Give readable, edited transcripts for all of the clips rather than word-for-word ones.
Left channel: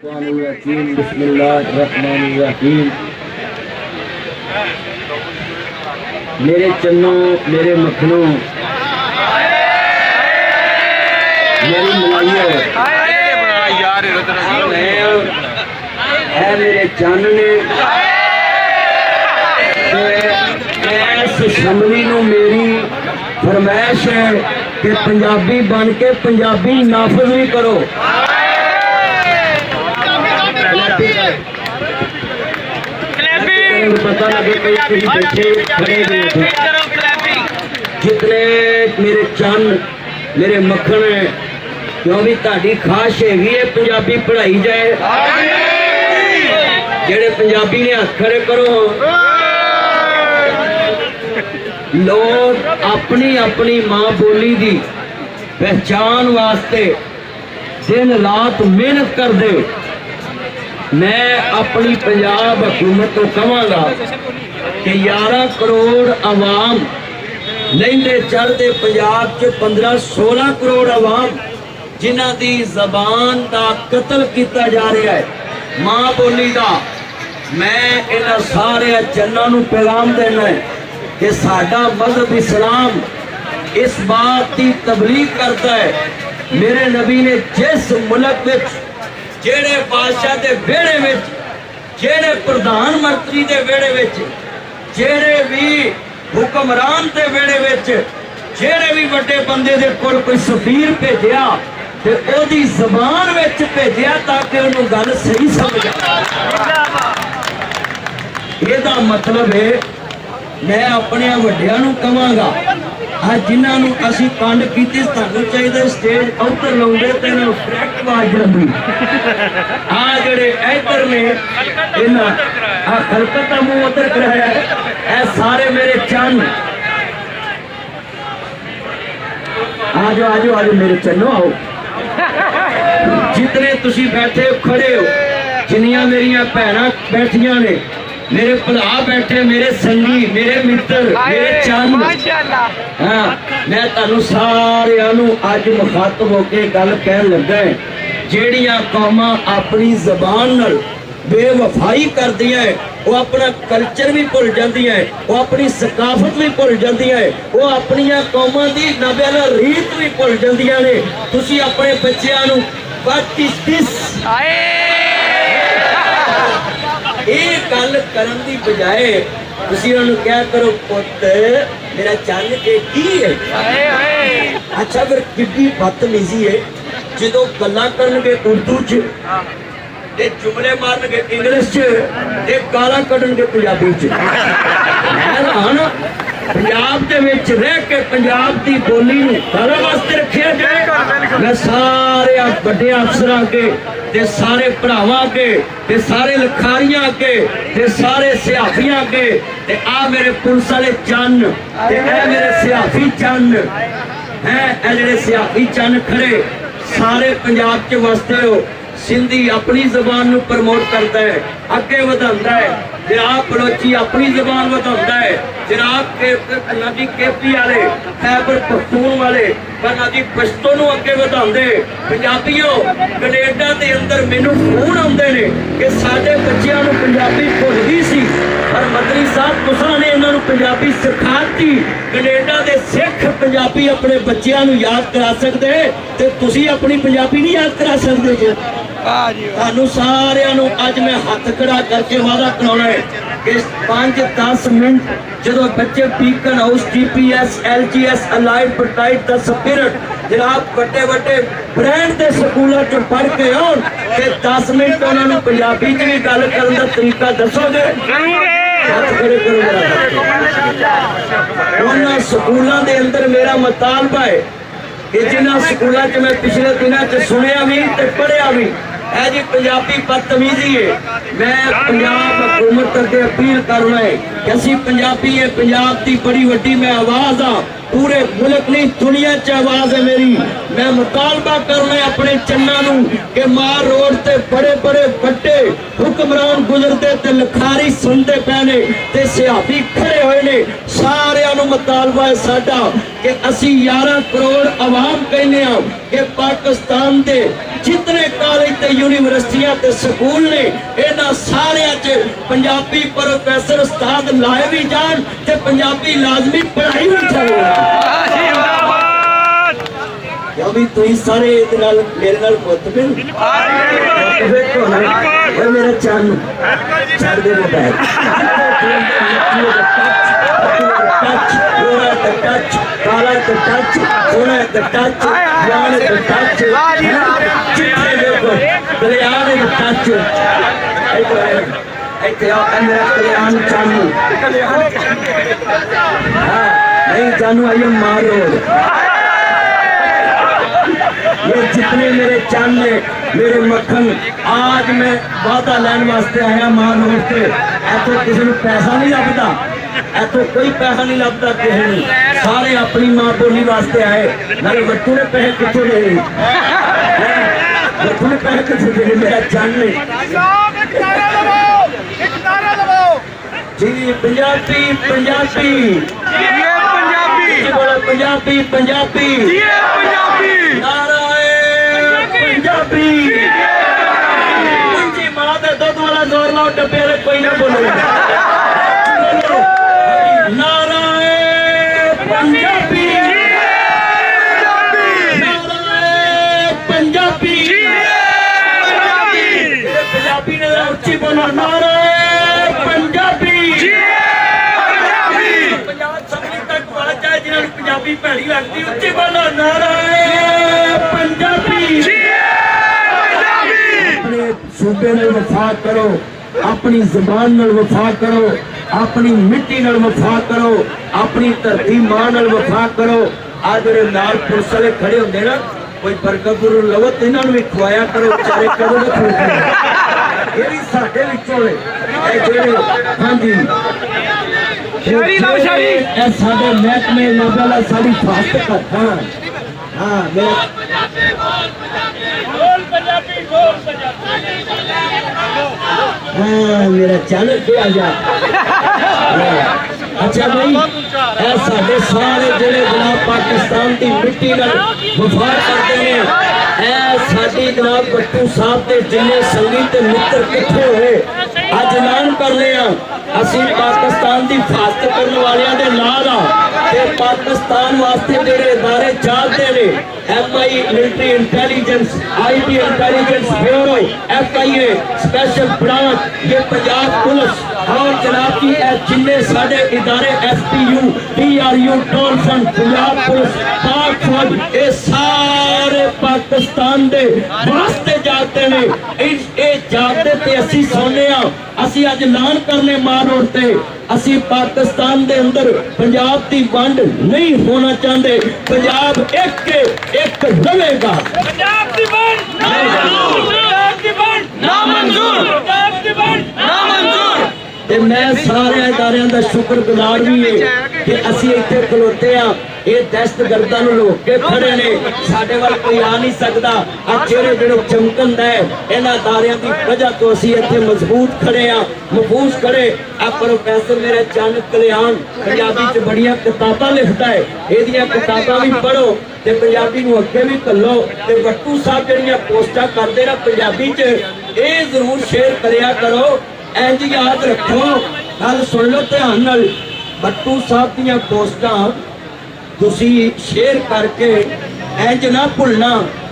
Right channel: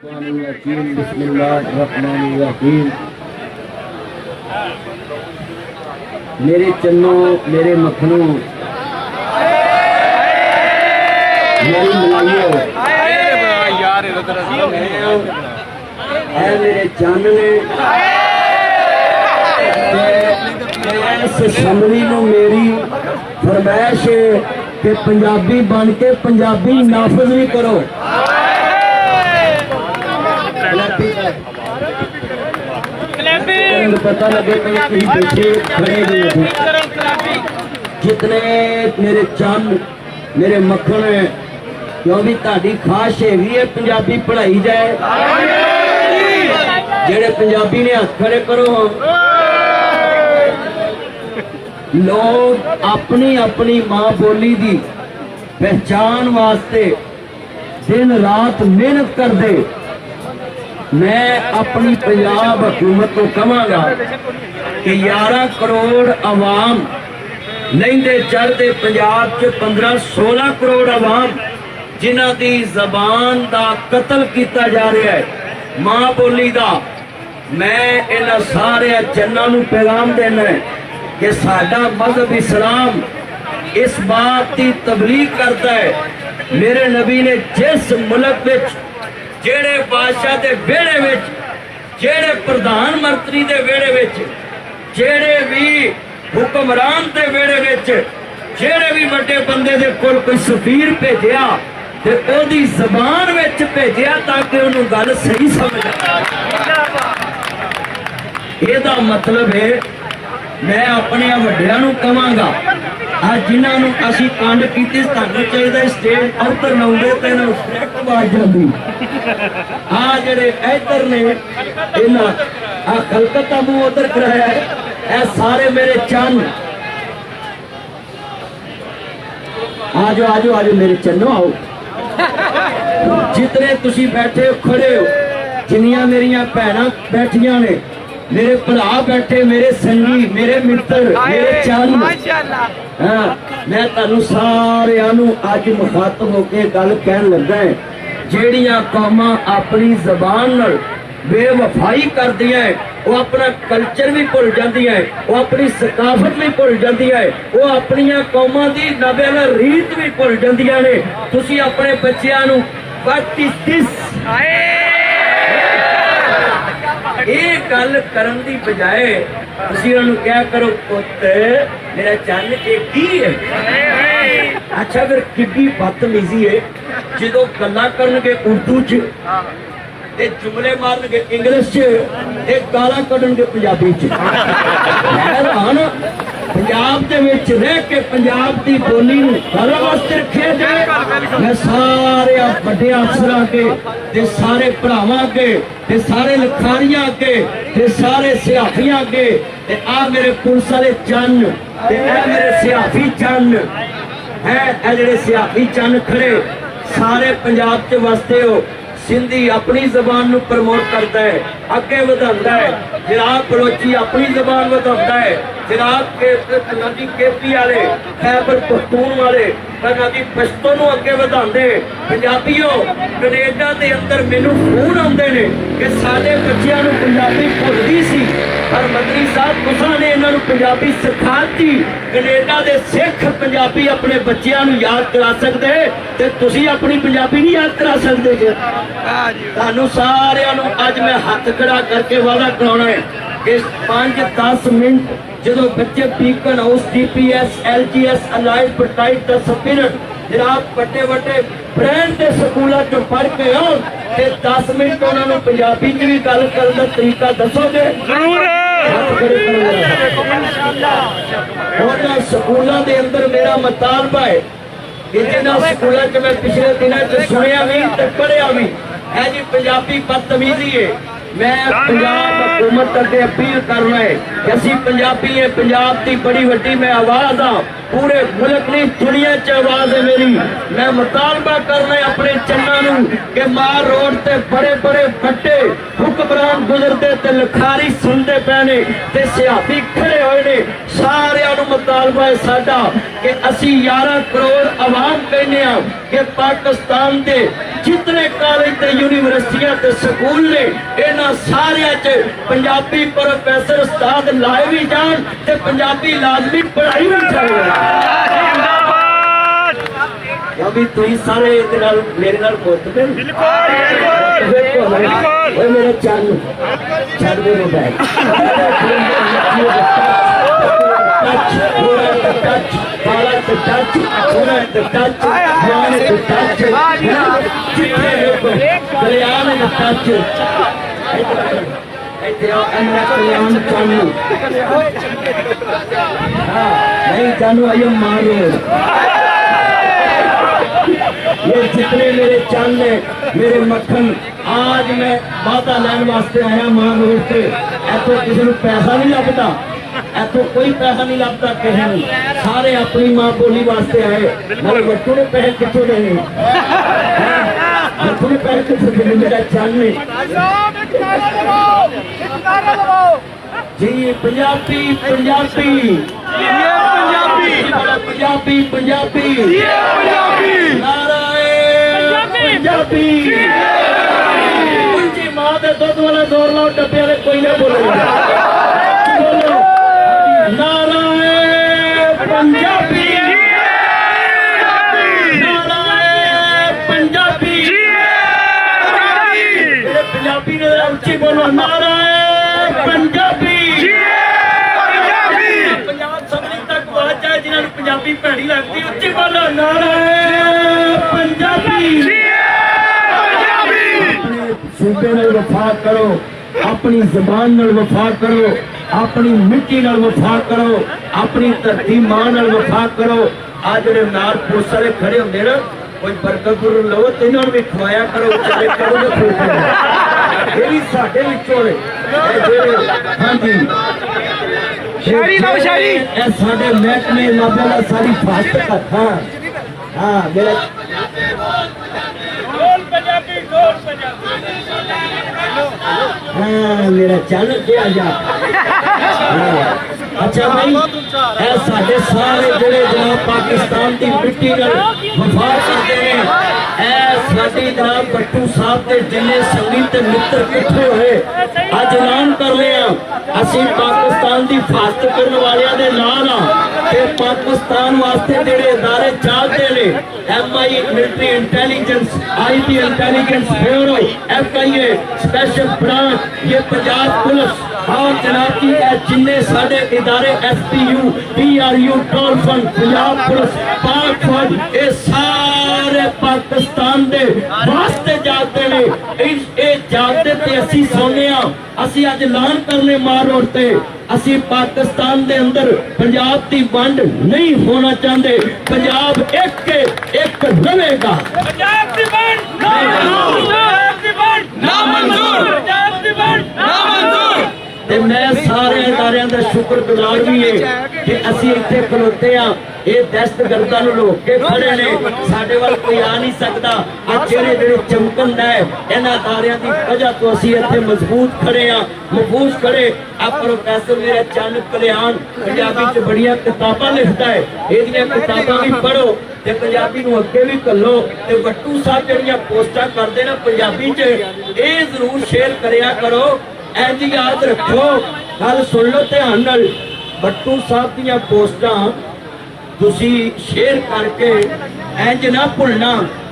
बिस्मिल्लाहिर्रहमानिर्रहीम। मेरे चन्नों, मेरे मखनों, मेरी मलाइयों, मेरे चानने, इस शमली नूं मेरी फरमाइश है कि पंजाबी बन के पंजाबी नाफज भी करो। पता लगे कहीं बैठे खड़े हुए जितने मेरे चंद मेरे मक्खन है, क्यों भी ताड़ी खाश हैगी है पंजाबी पढ़ाई जाए। जेड़े पंजाबी ने हाथ खड़े करो। लोग अपनी अपनी मां बोली दी पहचान वास्ते दिन रात मेहनत कर दे। मैं अपनी पंजाब हुकूमत को कहांगा कि 11 करोड़ आवाम लहिंदे चढ़ते पंजाब च 15-16 करोड़ आवाम जिन्हां दी जबान दा कतल किया जा रहा है, मां बोली दा। मैं इन्हां सारे चन्ना नूं पैगाम देना है कि साडा मजहब इस्लाम इस बात की तबलीग करता है। मेरे नबी ने जिस मुल्क विच जेड़े बादशाह के वेड़े विच, जेड़े प्रधानमंत्री के वेड़े विच, जेड़े भी हुक्मरान के वेड़े विच, जेड़े भी बड़े बंदे दे कोल कोई सफीर भेजिया ते ओदी ज़बान विच भेजिया ताकि उन्होंने गल सही समझ आए। इहदा मतलब है मैं अपने वड्डियां नूं कहांगा आज जिन्होंने असी कांड की सानू चाहिए स्टेज उतर लाउंदे ते इन्हां फ्रैक्ट मार जांदी। आ जेड़े इधर ने इन्हां आ खलकत दा मुंह उधर कराया है। ए सारे मेरे चंद आजो आजो आजो मेरे चन्नो आओ। जितने तुसी बैठे हो खड़े हो, जिन्नियां मेरियां भैणां बैठियां ने, मेरे भरा बैठे, मेरे संगी, मेरे मित्र, मेरे चंद, हाँ मैं तुहानू सारिआं नू अज मुखातब होके गल कहन लगा है। जेड़ियां कौमां अपनी जबान नाल बेवफाई करदियां है, वो अपना कल्चर भी भुल जांदियां है, वो अपनी सकाफत भी भुल जांदियां है, वो अपनियां कौमां दी नाबेला रीत भी भुल जांदियां ने। तुसी अपने बच्चिआं नू व्हाट इज दिस ये गल करन दी बजाय तुसी उन्होंने क्या करो, पुत मेरा चन्न ये की है। अच्छा फिर किड्डी बदतमीजी है जो गल्लां करनगे उर्दू च, जुमले मारनगे इंग्लिश च, गालां कढणगे पंजाबी च। पंजाब दे विच रह के पंजाब दी बोली नूं गल वास्ते रखिया जाए। मैं सारे बड़े अफसरां के ते सारे भरावां के ते सारे लखारियां के ते सारे सियाफियां के ते आ मेरे पुलिस वाले चन्न ते ए मेरे सियाफी चन्न हैं। ए जेड़े सियाफी चन्न खड़े सारे पंजाब च वसते हो। सिंधी अपनी जबान नूं प्रमोट करता है, अगे वधांदा है। फिराक बलोची अपनी जबान वधांदा है। फिराक के नदी केपी वाले, खैबर पख्तून वाले नदी पश्तो नूं अगे वधांदे। पंजाबीओ कनेडा दे अंदर मैनूं फोन आउंदे ने कि साडे बच्चिआं नूं पंजाबी भुल गई सी, पर मंत्री साहब तुसां ने इन्हां नूं पंजाबी सिखाती। कनेडा दे सिख पंजाबी अपने बच्चिआं नूं याद करा सकदे ते तुसीं अपनी पंजाबी नहीं याद करा सकदे जे। ਤੁਹਾਨੂੰ ਸਾਰਿਆਂ ਨੂੰ ਅੱਜ ਮੈਂ ਹੱਥ ਖੜਾ ਕਰਕੇ ਵਾਅਦਾ ਕਰਾਉਣਾ ਹੈ ਕਿ 5-10 ਮਿੰਟ ਜਦੋਂ ਬੱਚੇ ਪੀਕਨ ਹਾਊਸ TPS LGS ਅਲਾਈਡ ਪਟਾਈਟ ਦਾ ਸਪਿਰਿਟ ਜਨਾਬ ਵੱਡੇ ਵੱਡੇ ਬ੍ਰਾਂਡ ਦੇ ਸਕੂਲਾਂ ਚ ਪੜ੍ਹ ਕੇ ਆਉਣ ਤੇ 10 ਮਿੰਟ ਉਹਨਾਂ ਨੂੰ ਪੰਜਾਬੀ ਚ ਵੀ ਗੱਲ ਕਰਨ ਦਾ ਤਰੀਕਾ ਦੱਸੋਗੇ? ਜ਼ਰੂਰ ਹੱਥ ਖੜੇ ਕਰੋ ਜਰਾ। ਉਹਨਾਂ ਸਕੂਲਾਂ ਦੇ ਅੰਦਰ ਮੇਰਾ ਮਤਾਲਬਾ ਹੈ कि जिन्होंने स्कूलों च मैं पिछले दिनों च सुनिया भी तो पढ़िया भी है जी पंजाबी बदतमीजी है। मैं पंजाब हुकूमत अगे अपील करना है कि असी पंजाबी है, पंजाब की बड़ी वड्डी मैं आवाज़ हाँ, पूरे मुल्क नहीं दुनिया च आवाज़ है मेरी। मैं मुतालबा करना है अपने चन्ना नूं कि मार रोड ते बड़े बड़े बड़े हुक्मरान गुजरते ते लखारी सुनते पे ने ते सियाफी खड़े हुए ने। सारिआं नूं मुतालबा है साडा कि असी 11 करोड़ आवाम कहने कि पाकिस्तान के जितने कॉलेज ते यूनिवर्सिटियां ते स्कूल ने इन्हां सारियां च पंजाबी प्रोफैसर उस्ताद लाए भी जान ते पंजाबी लाजमी पढ़ाई भी जाए। अभी तुम सारे मेरे नाल मुतमिन मेरा चन छड़ दे मोबाइल टच काला तो टच सोना तो टच मान तो टच कल्याण टच मेरा कल्याण चालू नहीं चालू आइयो मारो ये जितने मेरे चांद ने मेरे मक्खन आज मैं वादा लैन वास्ते आया मान रोड से ऐतो किसी को पैसा नहीं लगता ऐतो कोई पैसा नहीं लगता किसी ने सारे अपनी मां बोली वास्ते आए नाले बच्चों ने पैसे कितों देने बच्चों ने पैसे कितों देने मेरा चांद ने जी पंजाबी पंजाबी पंजाबी पंजाबी नाराए पंजाबी जी मां दे दुध वाला जोर लाओ डब्बे वाले कोई ना बोलो नाराए पंजाबी नाराए पंजाबी पंजाबी ने उच्ची बोलो नाराए पंजाबी पंजाब सबनी तक आवाज जाए जिन्होंने पंजाबी भैड़ी लगती उच्ची बोलो नाराए पंजाबी अपने सूबे नाल वफा करो अपनी जबान नाल वफा करो अपनी मिट्टी नाल वफा करो अपनी धरती मां नाल वफा करो आ जेडे नाल पुलिस वाले खड़े होंदे ना कोई बर्गर गुरु लो तो इन्होंने भी खवाया करो बेचारे करो ये भी साडे विचों ने हाँ जी साडे महकमे लाभे वाला सारी फास्ट कथा हाँ मेरा हाँ मेरा चैनल पे आ जा अच्छा भाई ऐ साडे सारे जिहड़े जनाब पाकिस्तान की मिट्टी नाल वफा करते हैं ऐ साडी जनाब भट्टू साहब के जिन्ने संगी ते मित्र इकट्ठे होए अज ऐलान कर लिया असीं पाकिस्तान की हिफाजत करने वालियां दे नाल ते पाकिस्तान वास्ते जेडे इदारे चलते ने MI military intelligence IB intelligence bureau FIA special branch ये पंजाब पुलिस और जनाब की जिन्ने साडे इदारे SPU DRU toll fund Punjab police पाक फौज ये सारे पाकिस्तान दे वास्ते जाते ने ये जाते ते असीं सोने असीं अज ऐलान करने मार रोड ते असीं पाकिस्तान दे अंदर पंजाब की वंड नहीं होना चाहते पंजाब एक रहेगा पंजाब की वंड ते मैं सारे इदारियां दा शुक्रगुजार भी है कि असीं इत्थे खलोते हां ये दहशतगर्दां नूं रोक के खड़े ने साडे वाल कोई आ नहीं सकता अज चेहरे जेडे चमकन है इन्हां इदारियां दी वजह तो असीं इत्थे मजबूत खड़े हां महफूज खड़े आ प्रोफैसर मेरा चंद कल्याण पंजाबी च बड़ियां किताबां लिखदा है इहदियां किताबां भी पढ़ो ते पंजाबी नूं अगे भी घल्लो ते भट्टू साहब जड़ियां पोस्टां करदे ना पंजाबी च ये जरूर शेयर करिया करो इंज याद रखो गल सुन लो ध्यान नाल भट्टू साहब दीयां पोस्टां तुसी शेयर करके इंज ना भुलना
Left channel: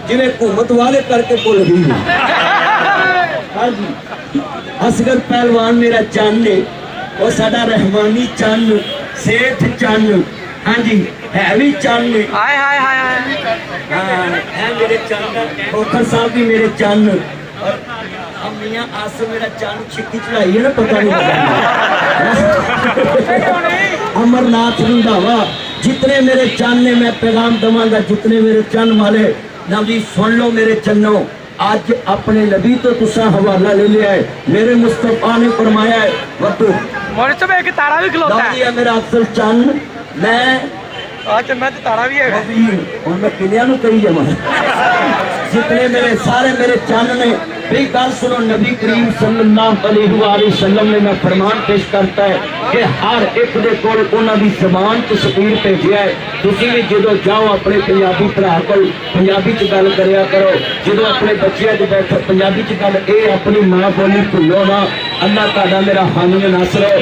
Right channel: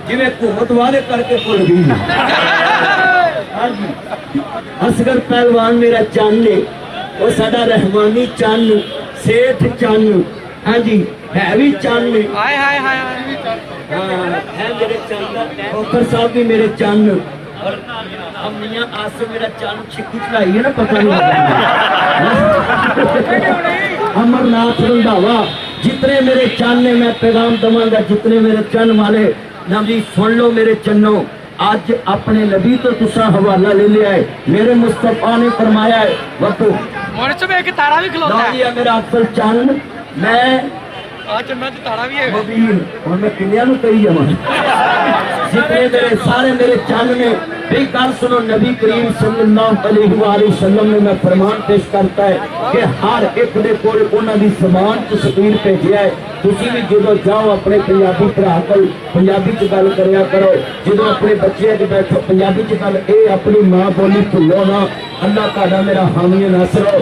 जिवें हुकूमत वाले करके भुल गई हाँ जी असगर पहलवान मेरा चंद है वो साडा रहमानी चंद सेठ चंद हाँ जी है भी चंद ने हाँ है मेरे चंद खोखर साहब भी मेरे चंद और मियां आसम मेरा चंद छिक्की चढ़ाई है ना पता नहीं अमरनाथ रंधावा जितने मेरे चंद ने मैं पैगाम दवांगा जितने मेरे चंद वाले ना जी सुन लो मेरे चन्नो आज अपने नबी तो तुसा हवाला ले लिया है मेरे मुस्तफा ने फरमाया है वतु एक तारा भी खलोता है मेरा अफसल चंद मैं आज मैं तो तारा भी है और मैं किन्या नु करी जावां जितने मेरे सारे मेरे चंद ने भी गल सुनो नबी करीम सल्लल्लाहु अलैहि वसल्लम ने मैं फरमान पेश करता है कि हर एक दे कोल उन्हां दी ज़बान च स्पीड भेजिया है। तुसीं भी जदों जाओ अपने पंजाबी भरा कोल पंजाबी च गल करिया करो, जदों अपने बच्चों च बैठो पंजाबी च गल, ये अपनी मां बोली भुल्लो ना। अल्लाह तुहाडा मेरा हामी नासर हो।